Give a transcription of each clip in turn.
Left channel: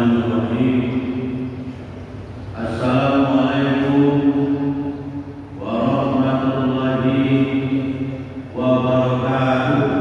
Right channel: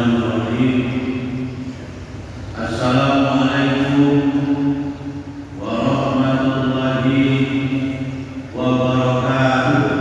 Bismillahirrahmanirrahim. Assalamualaikum warahmatullahi wabarakatuh.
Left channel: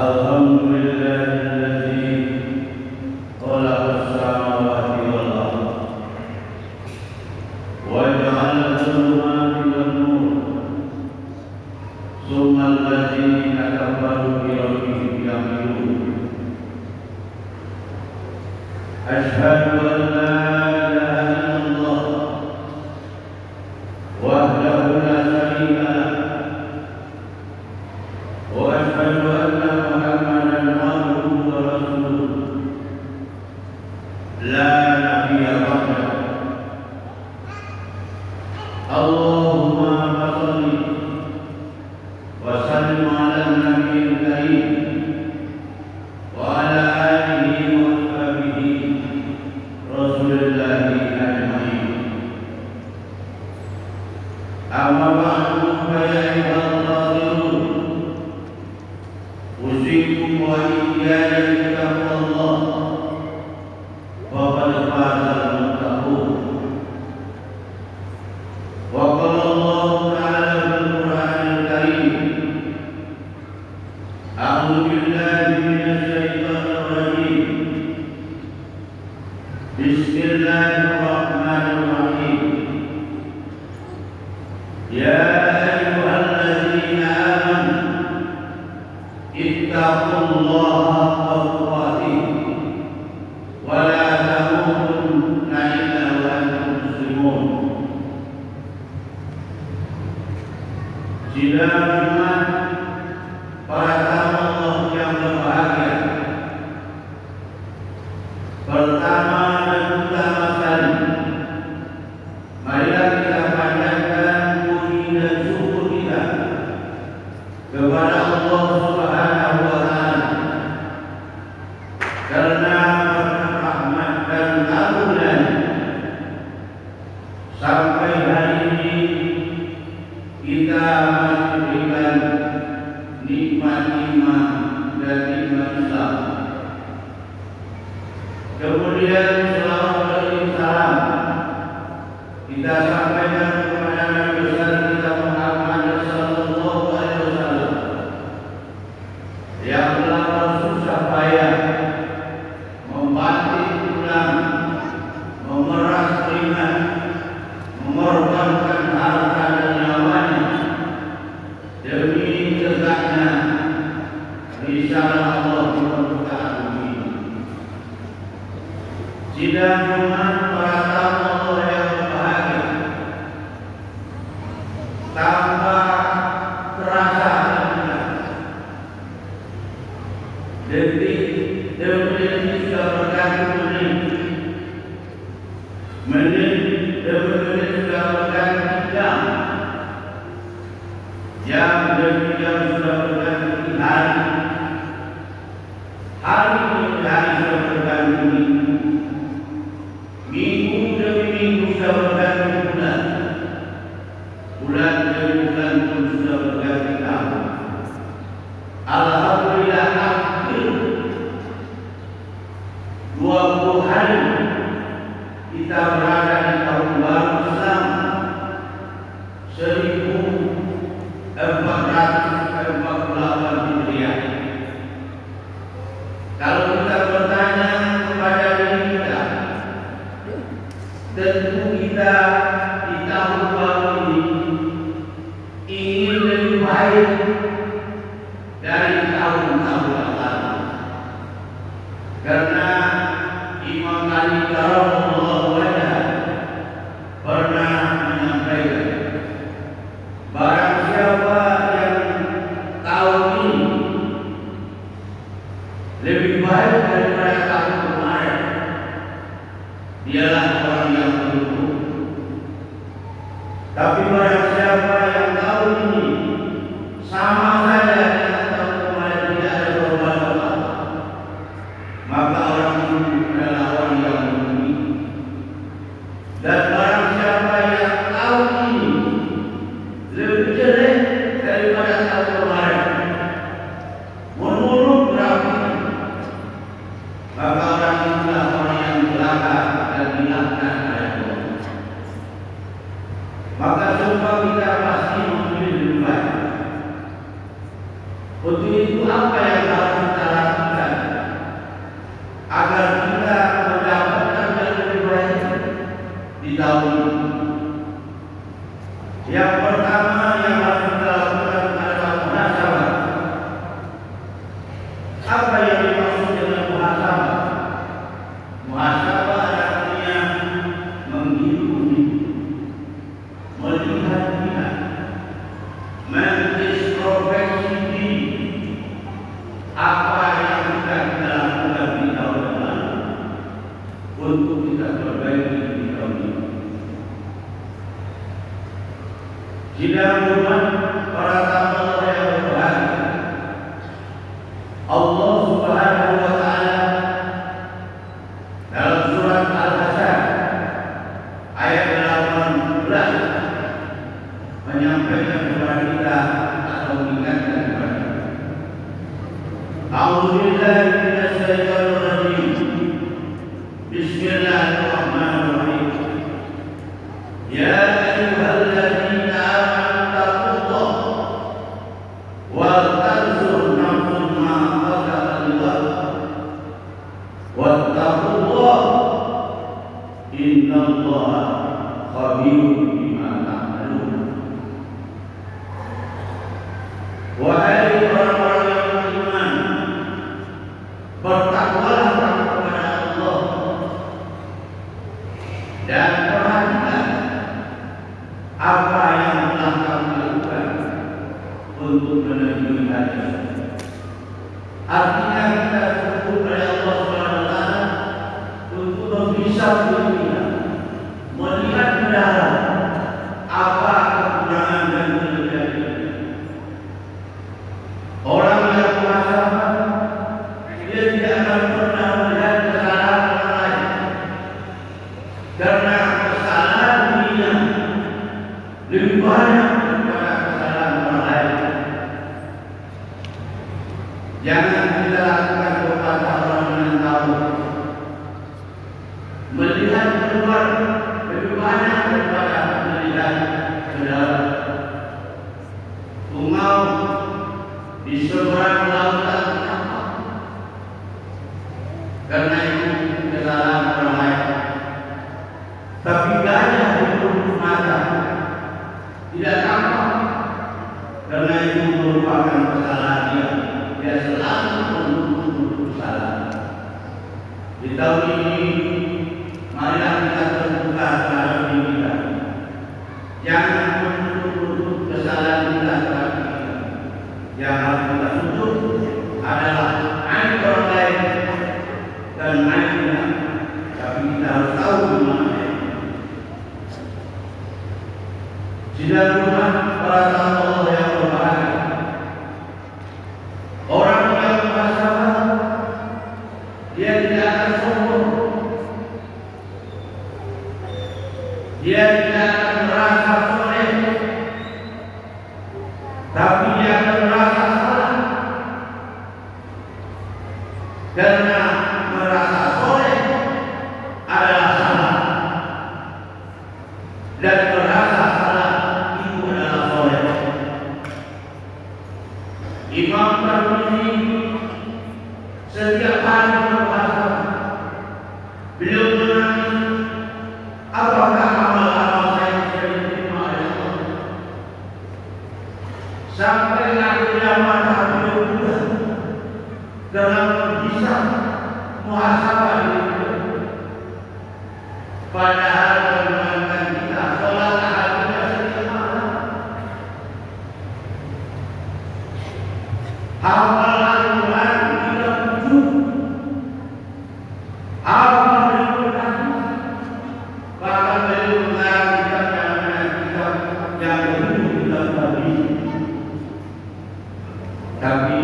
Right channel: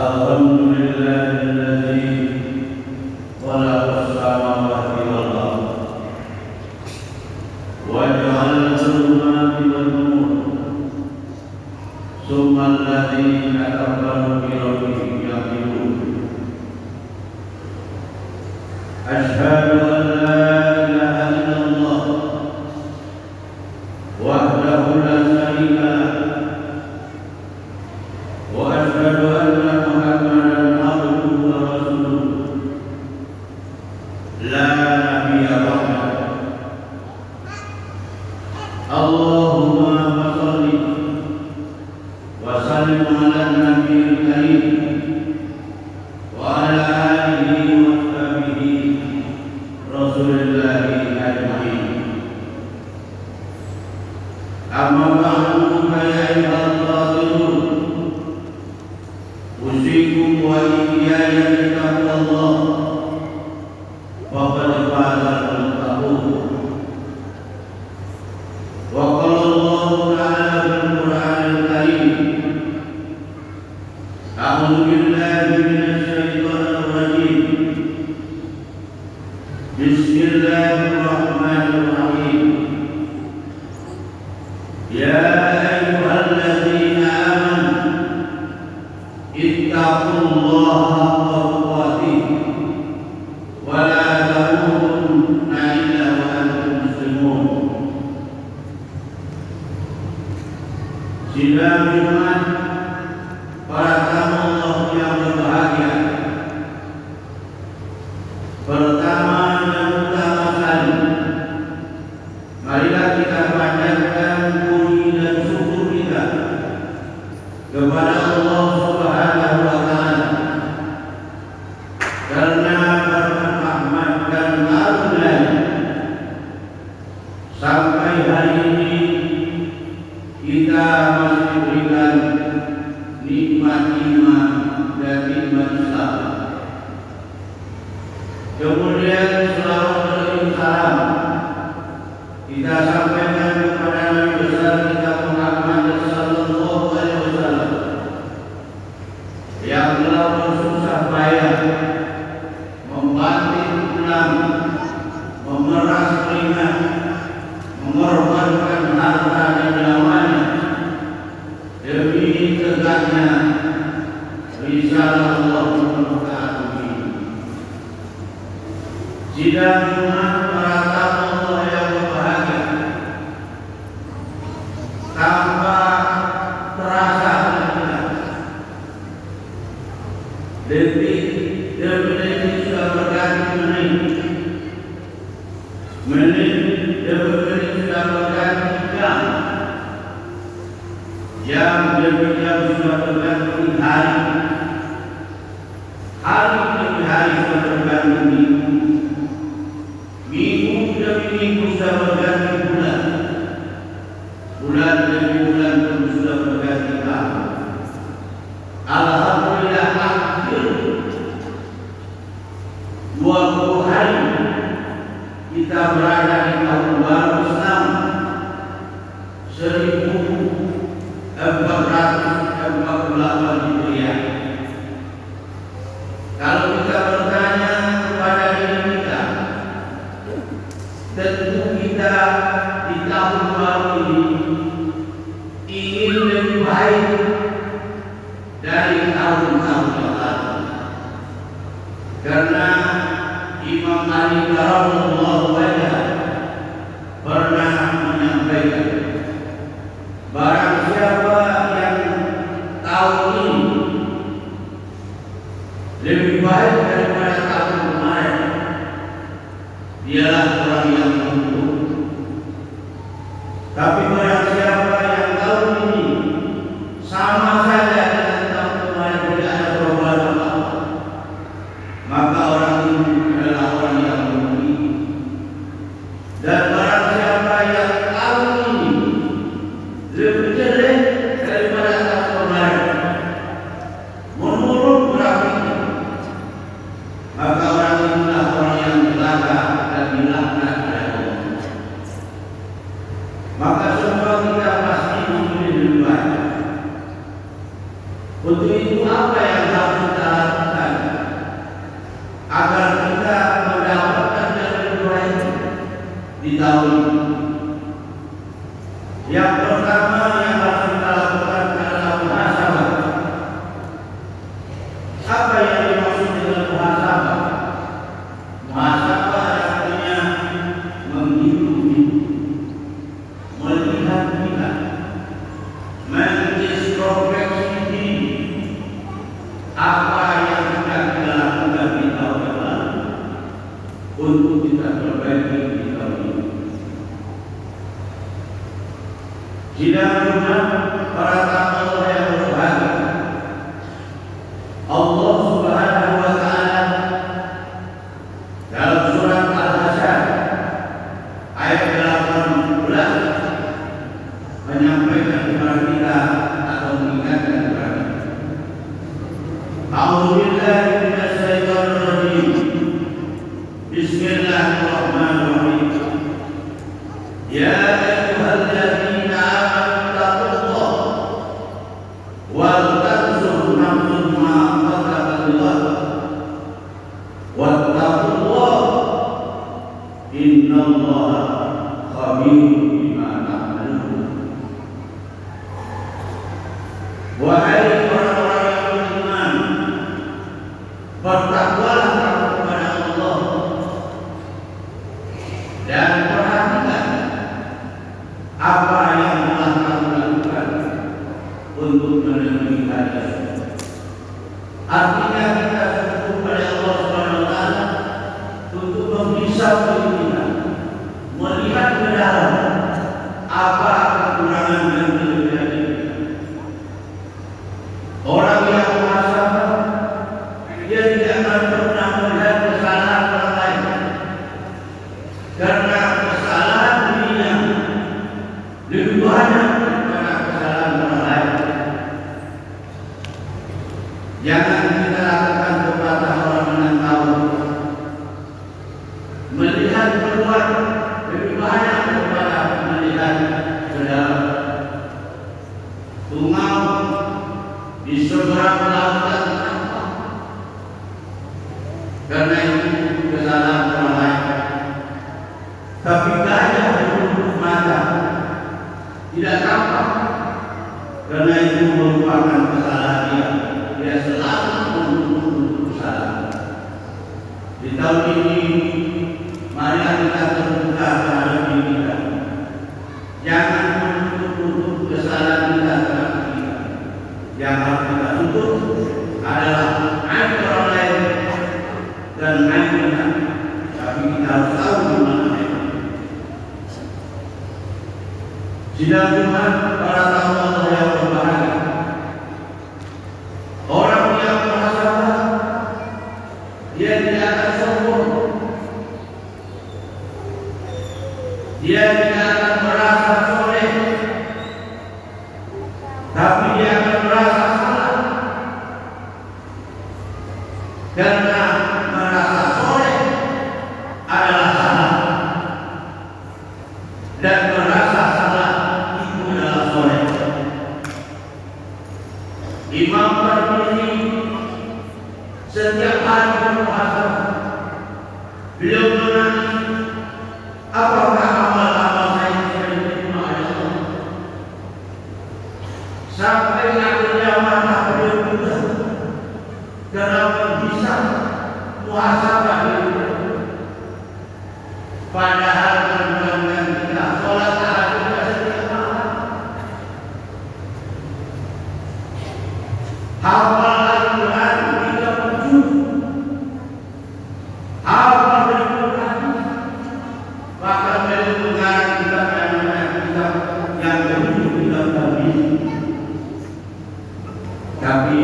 Alhamdulillahilladzi khalaqas samawati wal ardh wa ja'ala adh-dhulumati wan nur tsumma alladziina kafaru bi rabbihim ya'dilun. Asyhadu an la ilaha illallah wahdahu la syarika lah wa asyhadu anna Muhammadan abduhu wa rasuluh la nabiyya ba'dah. Allahumma shalli wa sallim ala nabiyil karim wa ala alihi wa sahbihi rasulillahi ajma'in. Amma ba'du fa ya ayyuhal-fadhilun usikum wa iyaya bitaqwallah faqad faza al-muttaqun. Wa qala Allahu ta'ala fil Qur'anil Karim, a'udzu billahi minasy syaithanir rajim. Bismillahirrahmanirrahim. Ya ayyuhalladzina amanu ittaqullaha haqqa tuqatih wa la tamutunna illa wa antum muslimun. Sidang Jumat, para tamu Allah yang berbahagia. Pertama dan utama sekali, marilah kita panjatkan puji dan syukur kita kepada Allah Subhanahu wa Ta'ala karena rahmat dan karunia-Nya sampai hari ini kita masih diberikan nikmat-nikmat dan nikmat Islam. Kemudian selawat dan salam kita sampaikan kepada Nabi besar kita Muhammad sallallahu alaihi wasallam yang telah bersusah payah membanting tulang, memeras keringat, mengorbankan harta dan nyawanya demi tegaknya risalah Allah di permukaan bumi. Sidang Jumat, para tamu Allah yang berbahagia, tanpa terasa detik demi detik sudah berganti menit demi menit sudah berganti jam demi jam sudah berganti hari demi hari sudah berganti minggu demi minggu sudah berganti bulan demi bulan pun sudah berganti tahun. Alhamdulillah, akhir 20 hari kita berada di tahun baru Islam 1448 Hijriah. Kalau kita bertanya kepada diri kita, tentu kita di tahun baru ini ingin lebih baik dari tahun-tahun yang lalu. Karena Imam Ali radhiyallahu anhu pernah menyampaikan, barang siapa yang tahun ini lebih baik daripada tahun kemarin, dialah orang yang beruntung. Tapi barang siapa yang tahun ini sama saja dengan tahun kemarin, tidak ada perubahan apa-apa, maka orang ini adalah orang yang merugi. Dan barang siapa yang tahun ini lebih jelek daripada tahun kemarin, menurut grafiknya, maka orang inilah orang yang celaka dan dilaknat oleh Allah. Maka semua kita pasti memilih lebih baik. Untuk itu apa yang harus kita lakukan agar kita mendapatkan yang lebih baik di tahun ini? Yang pertama yang harus kita lakukan adalah muhasabah. Apa yang dimaksud dengan muhasabah? Muhasabah artinya menghitung, melihat-lihat, mengintrospeksi diri. Apa yang sudah kita lakukan di tahun lalu untuk kita perbaiki di tahun ini. Sidang Jumat para tamu yang berbahagia, Allah Subhanahu wa Ta'ala dalam surat Al-Hasyr ayat 18 menyampaikan kepada kita atau mengingatkan kepada kita. A'udzubillahi minasyaitonir rajim. Bismillahirrahmanirrahim. Ya ayyuhalladzina amanu taqullaha wal tanzur nafsun ma qaddamat wattaqullaha innallaha khabirun bima ta'malun. Wahai orang-orang yang beriman, bertakwalah kepada Allah dan perhatikan apa yang telah kamu lakukan untuk menemui hari. Artinya kita syukur kepada Allah SWT untuk memisah diri kita, melihat ke dalam apa kekurangan dan kelebihan kita. Orang yang muhasabah, dia tidak akan pernah melihat kesalahan orang lain, karena kesalahan dirinya lebih banyak daripada kesalahan orang lain. Jangan kita lakukan kepada orang yang tahu, melihat keluar lebih banyak daripada melihat ke dalam. Tungau di seberang lautan tanpa, karena itu kesalahan orang lain. Tapi gajah bertutup mata tidak tampak, karena itu merupakan kesalahan dia. Dia selalu menutup kesalahan. Di tahun ini, marilah kita terbuka terhadap diri kita. Jangan menutup kesalahan kita terhadap kita. Yang harus kita tutup adalah aib orang lain dan aib kita. Tapi kita harus tahu di mana aib. Sidang Jumat para tamu Allah yang berbahagia. Orang yang muhasabah, dia tidak akan sombong. Dia tidak akan merasa soleh, tapi dia akan merasa salah. Karena merasa soleh adalah salah, dan merasa salah itu adalah soleh. Imam Tirmidzi setiap hari berpuasa, beliau menangis, apakah amal-amal saya bisa diterima oleh Allah? Sampai akhirnya mata beliau buta dalam bisa muhasabah diri. Padahal kandungan kita sholat tahajud setiap malam, hafal Al-Quran 37, hafal Al-Quran, bahkan beliau mengarang kitab yang kedua, kitab Tauhid. Tapi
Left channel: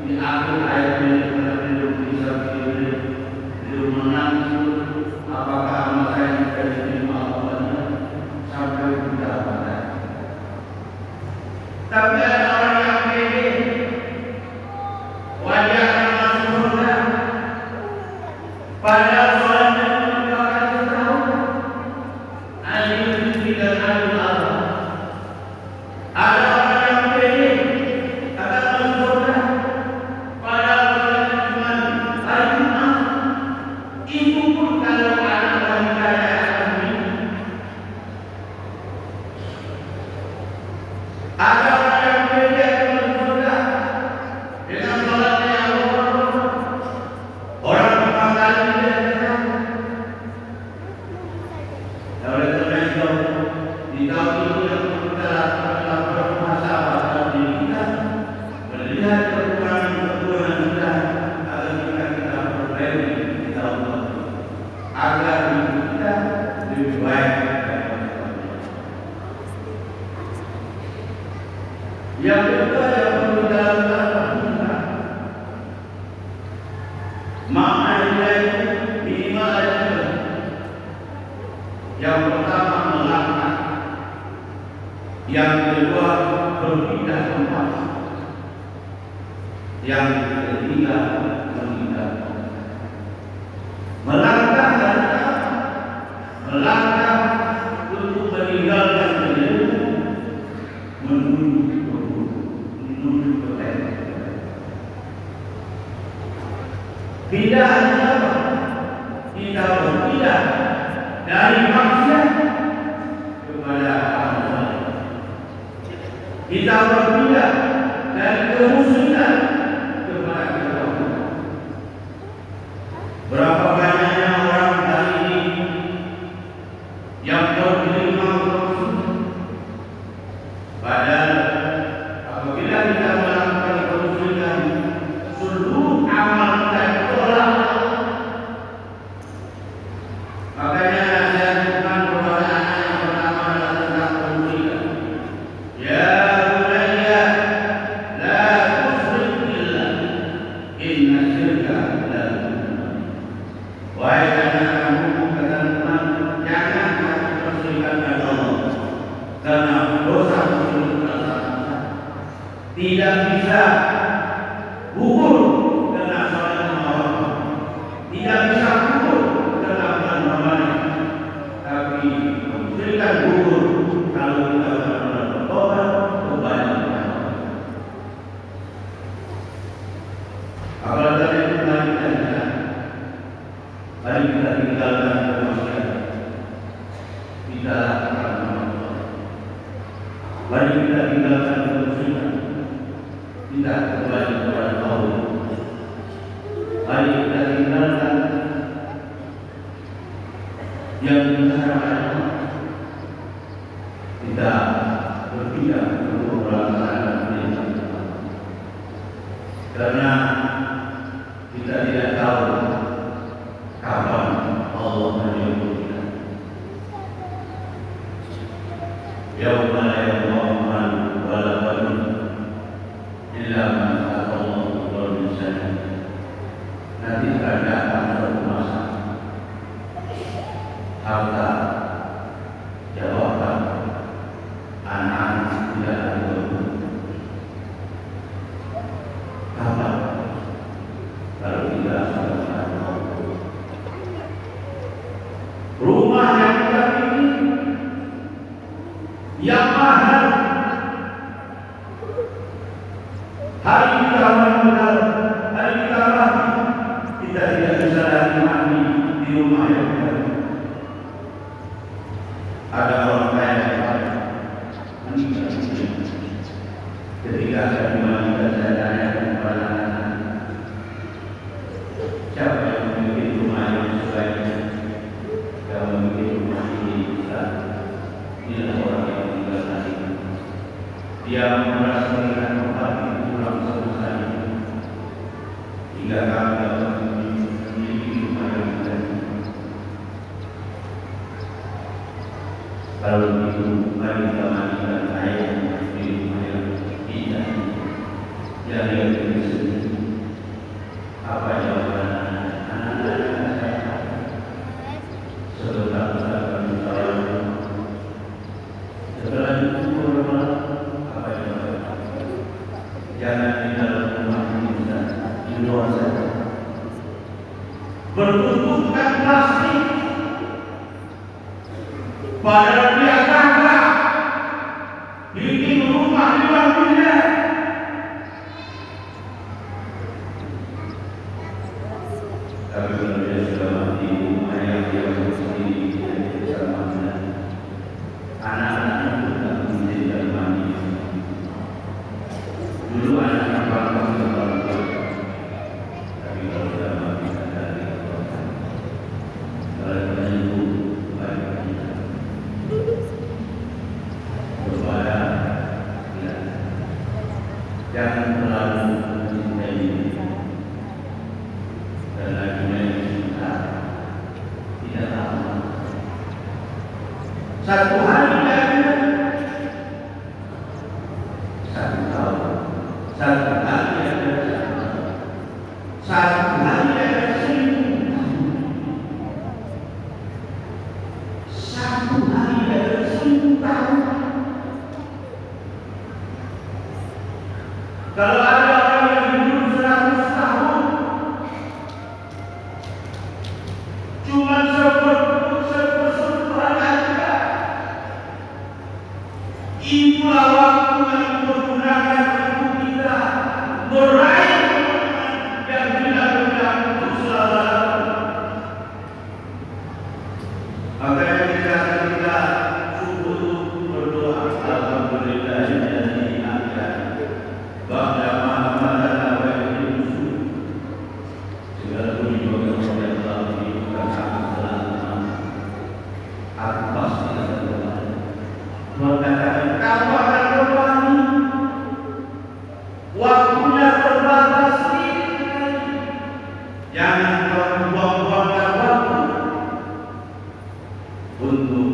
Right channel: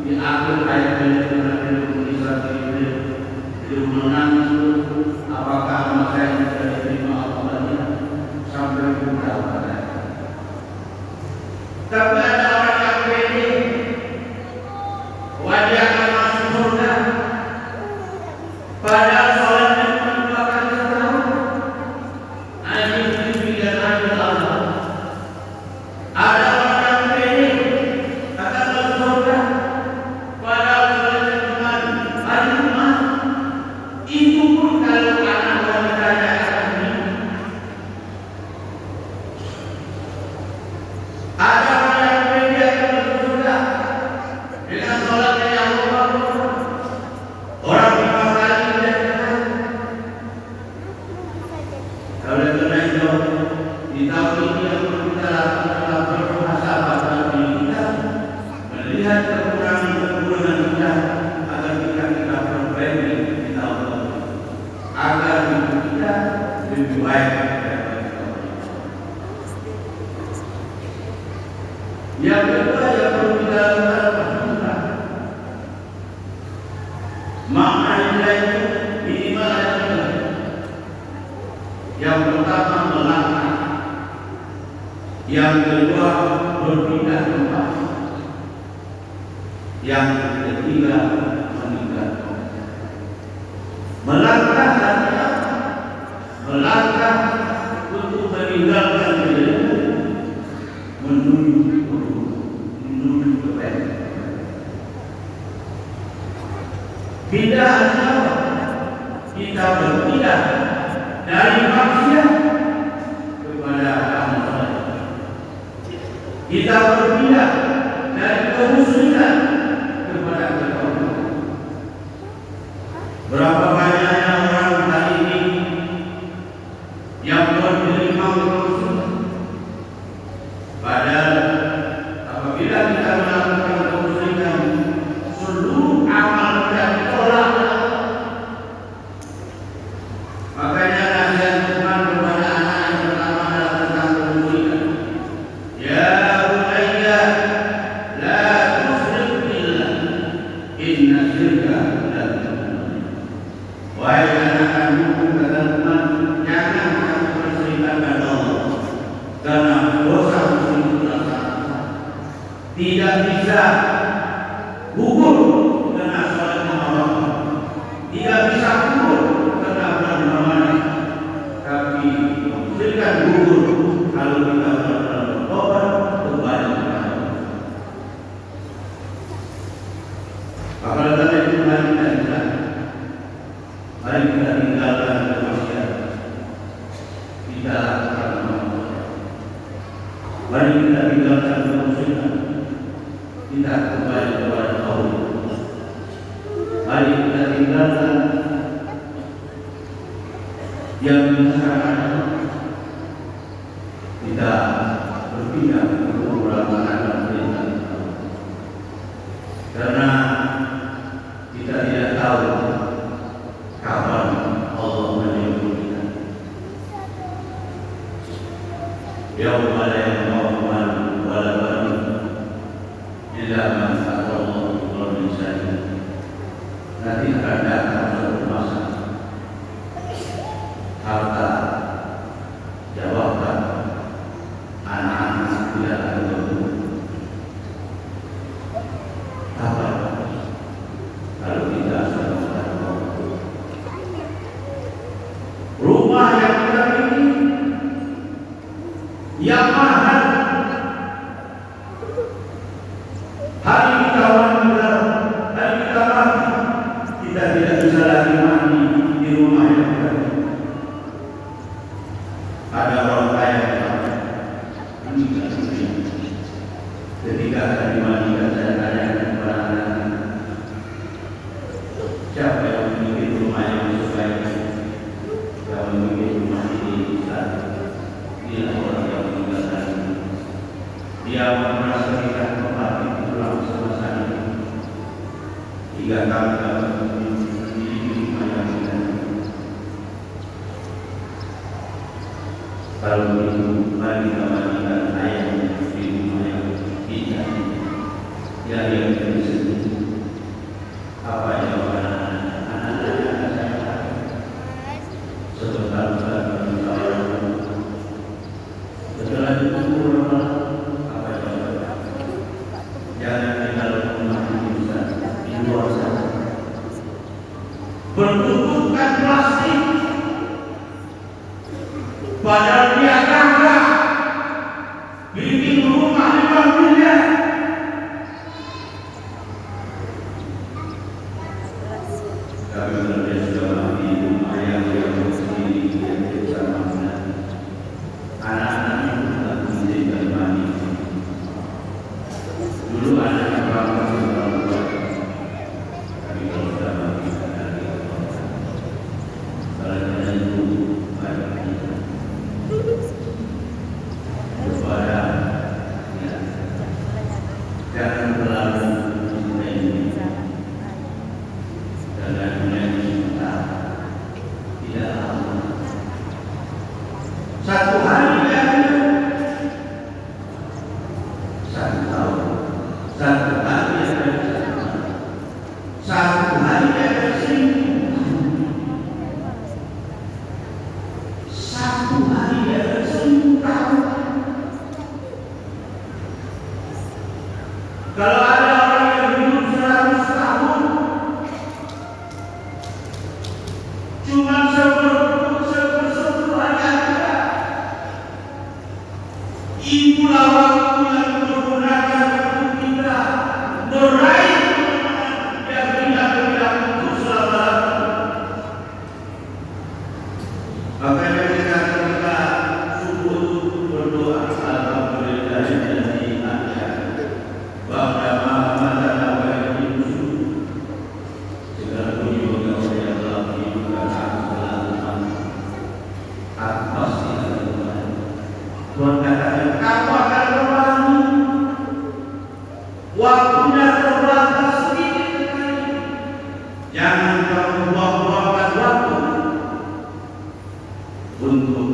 di akhir ayat beliau menangis, apakah amal saya bisa diterima Allah, sampai buta mata. Tapi ada orang yang pede, wajahnya masuk surga, padahal sholatnya merupakan setahun. Ini dan adil Allah. Ada orang yang pede, kata Rasulullah yang kita lakukan adalah bermuhasabah pada diri kita, melihat kekurangan kita agar kita perbaiki di tahun depan, agar hidup kita lebih baik. Yang kedua yang perlu kita lakukan adalah makna nilai itu minimal ada tiga. Yang pertama melangkah, yang kedua berpindah tempat, yang ketiga meninggalkan. Melangkah adalah melangkah untuk meninggalkan dirimu menuju kebaikan. Pindah adalah kita berpindah dari maksiat kepada amal saleh. Kita berpindah dari kemusyrikan kepada ketauhidan. Berapa banyaknya orang hari ini yang bergelimang kemusyrikan, padahal apabila kita melakukan kemusyrikan, seluruh amal kita ditolak. Makanya nasihat Tuhan kepada anak yang pertama adalah tentang kemusyrikan. Ya bunayya la tusyrik billah inna syirka la dzulmun. Wahai anak-anakku, kata Tuhan, jangan kamu bersyirikkan Allah, karena dosa itu adalah sangat besar. Tidak bisa gugur karena sholat lima waktu, tidak bisa gugur karena bulan Ramadan, tapi mensyirikkan gugur kalau kita benar-benar bertobat kembali kepada Allah. Apalagi dari itu mari kita jalan, mari kita tinggalkan kemaksiatan, kita lakukan amal soleh. Mari kita tinggalkan kemusyrikan, kita kembali kepada Allah. Mari kita tinggalkan yang diharamkan, kita berpindah untuk melakukan perintah Allah. Karena kita tidak tahu kapan Allah menjemput kita. Yauma la yanfa'u malun wala banun illa man ata Allah bi qalbin salim. Nanti akan datang suatu masa harta, jabatan, anak-anak tidak akan berguna. Apa kalau kita sama-sama rumah yang kita miliki yang mahal, hari kita meninggal, hari kita mati, kita tidak bisa lagi mati di rumah yang kita miliki. Ada orang kaya yang meninggal dunia. Ketika saya dimandikan, saya tanyakan kepada anak-anak, siapa yang memiliki rumah yang sesuai? Yang memiliki rumah ini inilah orang yang meninggal tadi. Dia merasaikan kembali tulang selesai. Jika kami dapat memiliki rumah yang indah, kalau begitu mari kita mandikan ayam di rumah yang indah yang dia beri sendiri. Apa jawaban anak-anak saya? Setelah kita berbicara, setelah itu apa jawaban? Jangan di dalam rumah ini, di luar sana. Bertutupkan plastik, padahal dia gagah Itulah waktu yang menggunakan waktu kita meraih kemenangan yang tidak berikan untuk selama-lamanya. Makanya kita subuh berdoa alhamdulillah yang ada bahwa Muhammad adalah Yesus. Segala puji bagi Allah di dalam atas Tuhan katakan kamu akan berbani. Waktunya terbatas sedikit sekali. Jangan kamu buang-buangkan waktu untuk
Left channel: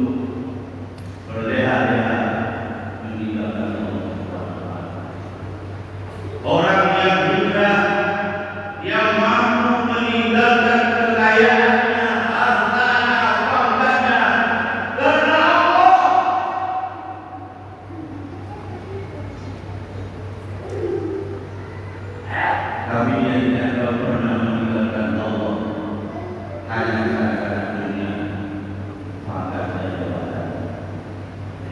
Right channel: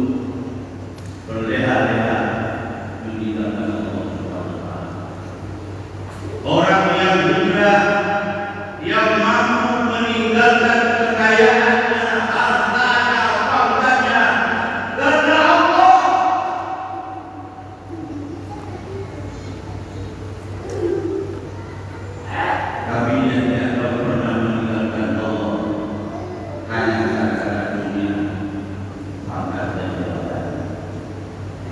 berleha-leha meninggalkan Allah. Orang yang juga yang mampu meninggalkan kekayaannya, hartanya, bangganya karena Allah. Kami yang tidak pernah meninggalkan Allah hanya karena dunia, pangkat dan jabatan.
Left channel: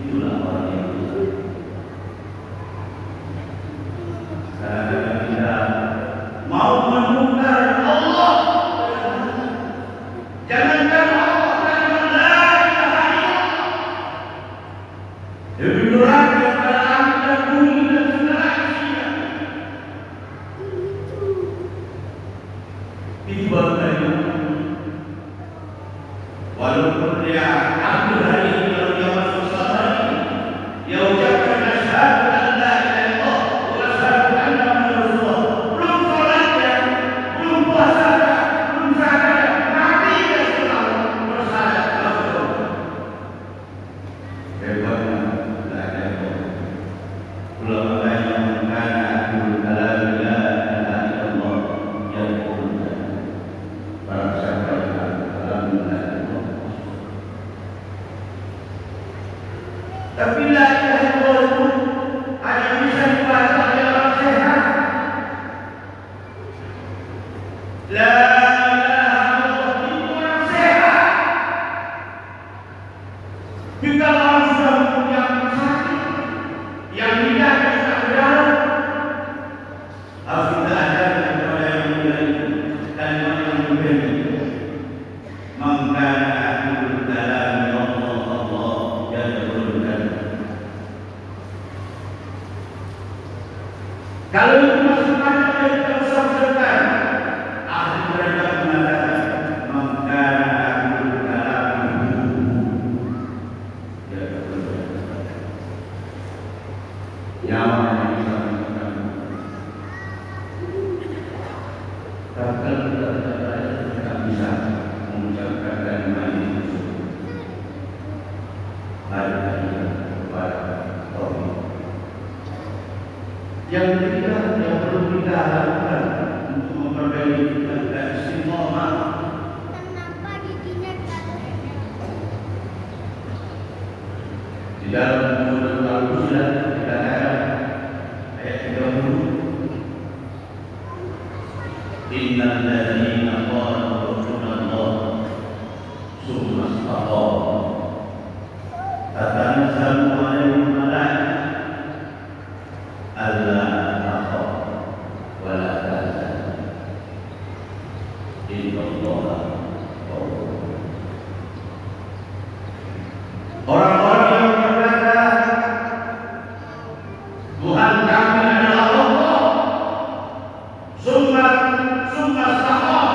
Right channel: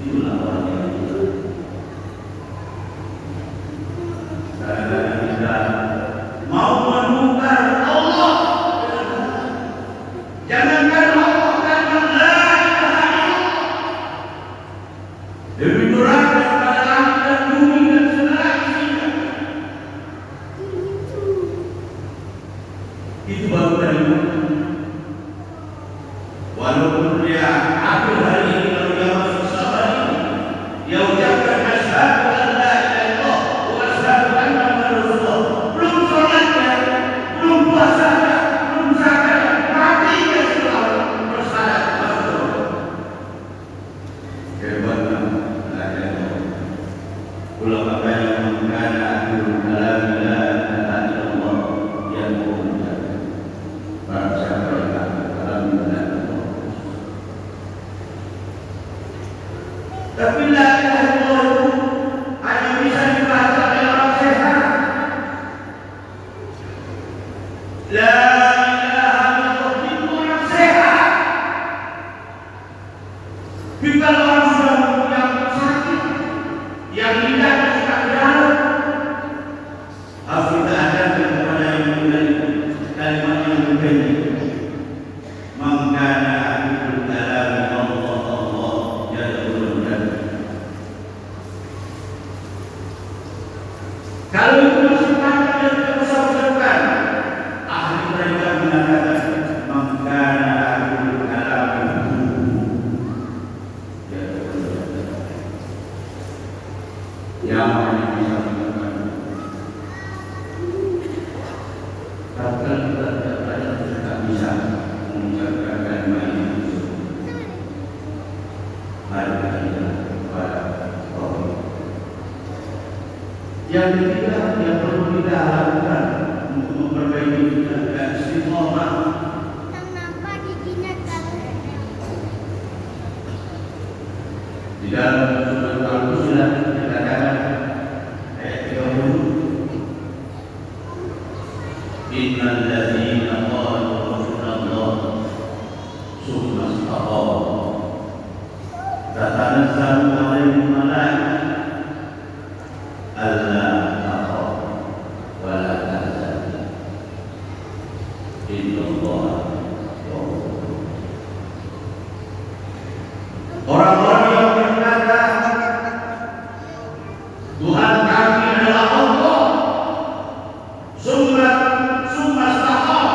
Itulah orang yang benar. Karena kita mau menukar Allah dengan Allah. Jangankan Allah, jangan la ilaha illallah. Lebih berat daripada langit dan bumi dan segala isinya. Itu baru kalimat. Walaupun dia akhir hari ini, kalau dia masuk sabar ini, dia ucapkan asyhadu an la ilaha illallah wa asyhadu anna Muhammadar Rasulullah. Belum sholatnya, belum puasanya, belum zakatnya, mati dia sudah bersyarat masuk surga. Kedoknya la ilaha illallah. Ulama yang mengatakan akhir kalam la ilaha illallah yang umumnya. Barang siapa yang kalam la ilaha illallah. Tapi la ilaha illallah itu hanya bisa dibaca oleh orang sehat. La ilaha illallah itu orang sehat. Bila orang sudah mempunyai sakit yang lidahnya sudah berdarah, harus kita ajarkan kepada yang meninggal kalimat yang berbeda. Mengkana akhirul kalam Allah yadkhulul. Kalau itu masih ada yang tidak usah ucapkan. Ahli mereka mengatakan mengkana akhirul kalam yadkhulul. Yang mana bisa mengatakan kalau kita tidak bisa mengucapkan kalimat itu, mari kita kepada Allah. Yang ketiga yang perlu kita lakukan untuk memperbaiki kita dan istiqomah. Di dalam surat Al-Fussilat dikatakan ayat 30, innal ladzina qalu rabbunallah tsumma istaqamu tatanazzalu alaihim malaikah alla takhafu wa la tahzanu innallaha ghafurur. Orang-orang yang berkata Tuhan kami adalah Allah, summa istaqam,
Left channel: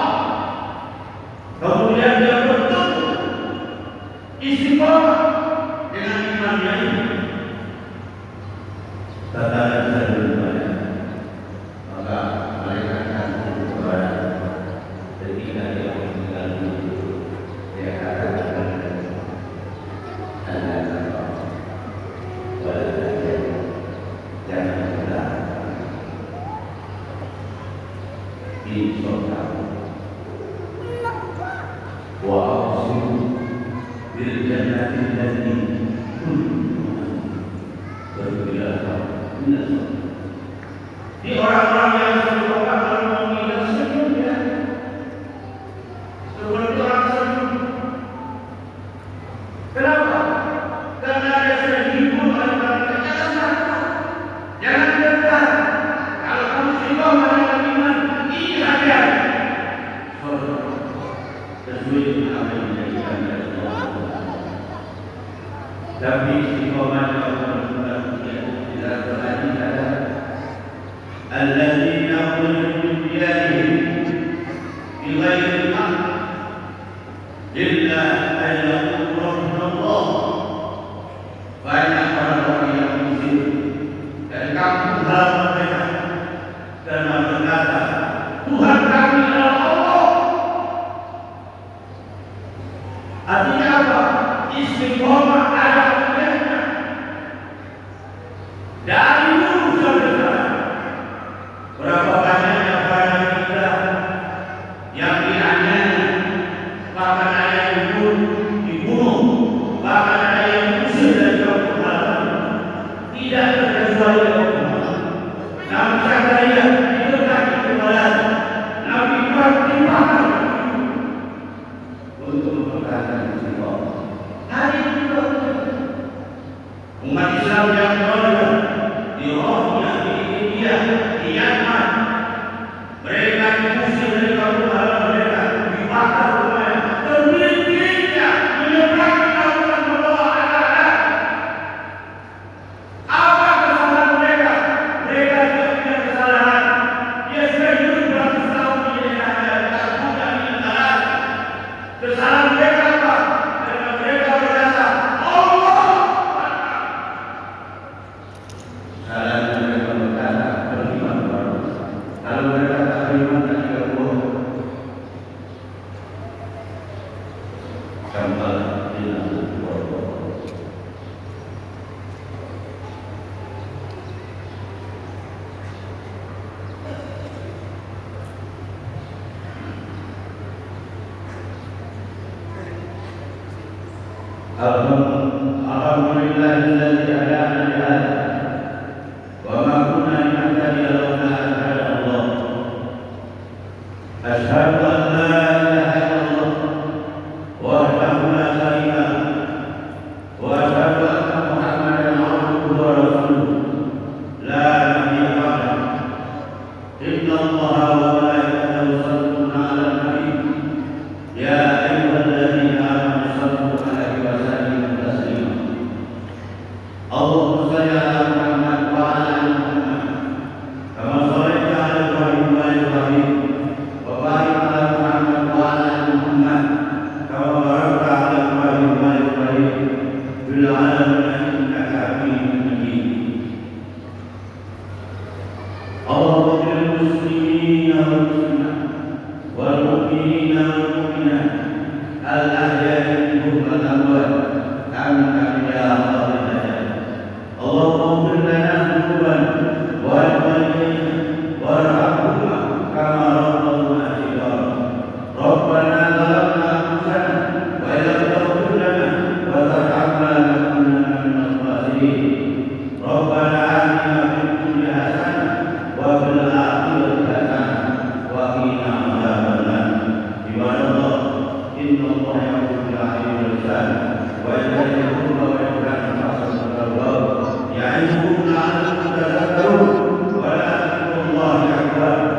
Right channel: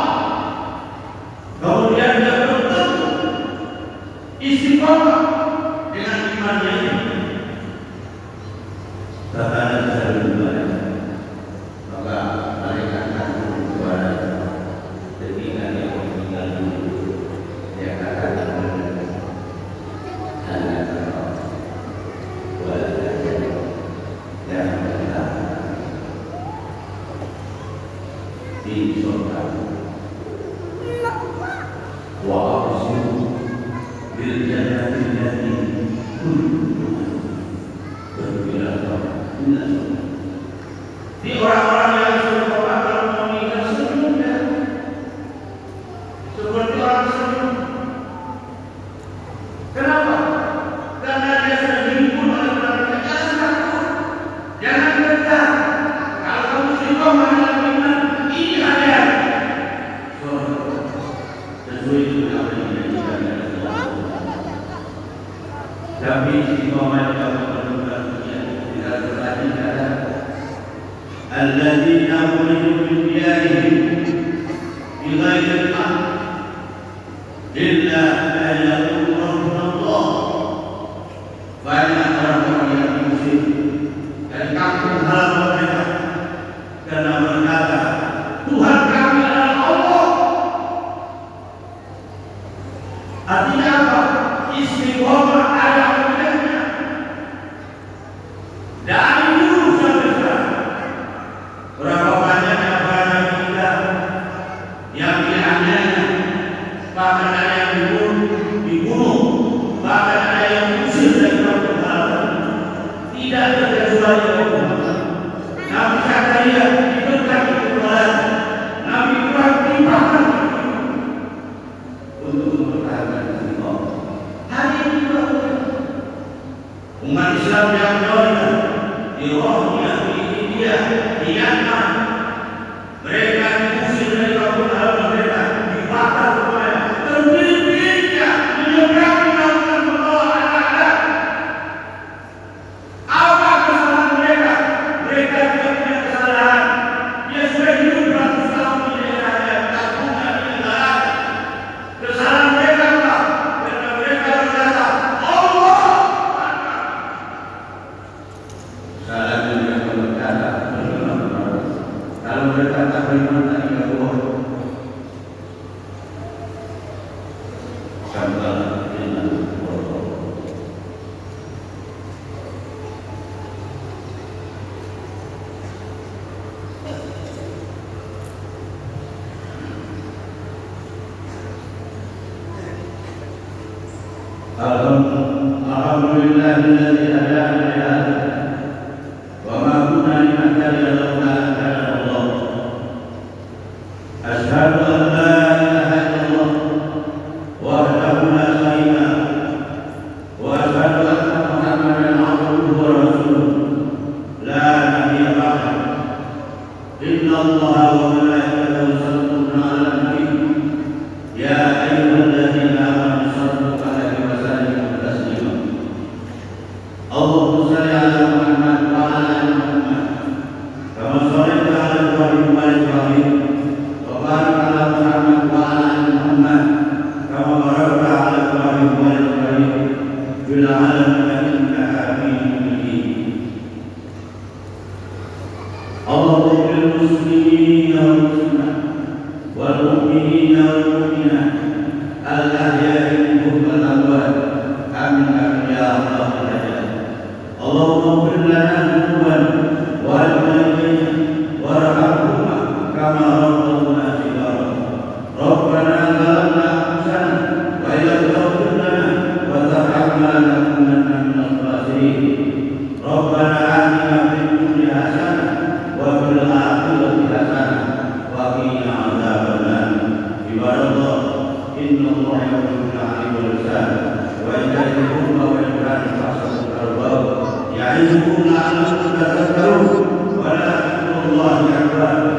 kemudian dia betul istiqomah dengan imannya ini. Tatanazzalu alaihim, maka mereka akan turun kepada ketika dia meninggal dunia. Dia akan di surga. Wa aqsimu bil jannati allati di orang-orang yang berdoa dalam meninggal senyum ya, seperti orang senyum. Kenapa? Karena dia sudah dihibur oleh malaikat. الذين أخرجوا من ديارهم بغير الحق إلا أن يقولوا ربنا الله. Banyak orang-orang yang muslim dan kampung halaman mereka karena berkata Tuhan kami adalah Allah. Artinya apa? Istiqomah ada kemudiannya. Dari dulu sampai sekarang, berapa banyaknya kita yang dianiaya, bahkan ada yang dibunuh, bahkan ada yang diusir dari kampung halaman. Tidak terkecuali Allah. Nabi Zakaria diberkati kepada Nabi Ibrahim dibakar untuk mempertahankan Islam. Hari ini juga umat Islam yang berada di Rohingya, di India, di Myanmar, mereka diusir dari kampung halaman mereka, dibakar semuanya, terbit-bitnya menyeberangi lautan membawa anak-anak. Apa kesalahan mereka? Mereka tidak punya kesalahan. Dia sudah hidup beratus tahun di daerahnya, tak bukan di negara. Kesalahan mereka apa? Karena mereka berkata Allah. Salah mereka berkata beriman baru. Kalau mereka tak beriman tak Allah. Kambal dengan Allah. Alhamdulillah alladzi hadana li hadha wa ma kunna linahtadiya laula an hadana Allah. Asyhadu an la ilaha illallah wahdahu la syarika lahu wa asyhadu anna Muhammadan abduhu wa rasuluh la nabiyya ba'dahu. Inna Allaha wa malaikatahu yusalluna 'alan nabi ya ayyuhalladzina amanu sallu 'alaihi wa sallimu taslima. Allahumma shalli 'ala Muhammad wa 'ala ali Muhammad kama shallaita 'ala Ibrahim wa 'ala Ibrahim wa barik 'ala Muhammad wa 'ala ali Muhammad kama barakta 'ala Ibrahim wa 'ala Ibrahim fil 'alamin innaka Hamidum Majid. Allahumma lil muslimina wal muslimat wal mu'minina wal mu'minat al-ahya'i minhum wal amwat amin amin ya Allah. Allahumma ighfir lana dzunubana wa walidayna warhamhuma kama rabbayana shighara. Rabbana zalamna anfusana wa illam taghfir lana wa tarhamna lanakunanna minal khasirin. Rabbana atina fid dunya hasanah wa fil akhirati hasanah wa qina adzabannar. Ibadallah, inna Allaha ya'muru bil 'adli wal ihsan wa yanha 'anil munkari wa yanha 'anil fahsya'i wal munkar ya'idukum la'allakum tadhakkarun wa la dhikrullahi akbar.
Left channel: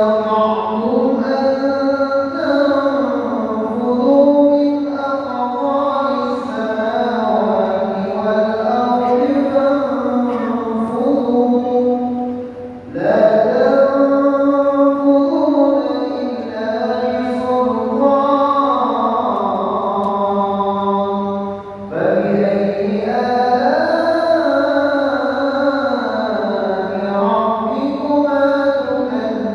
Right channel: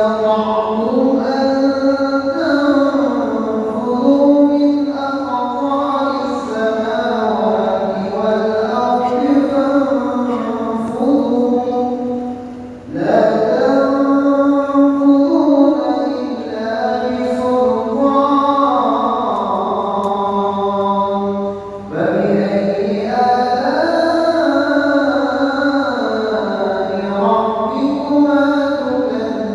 yang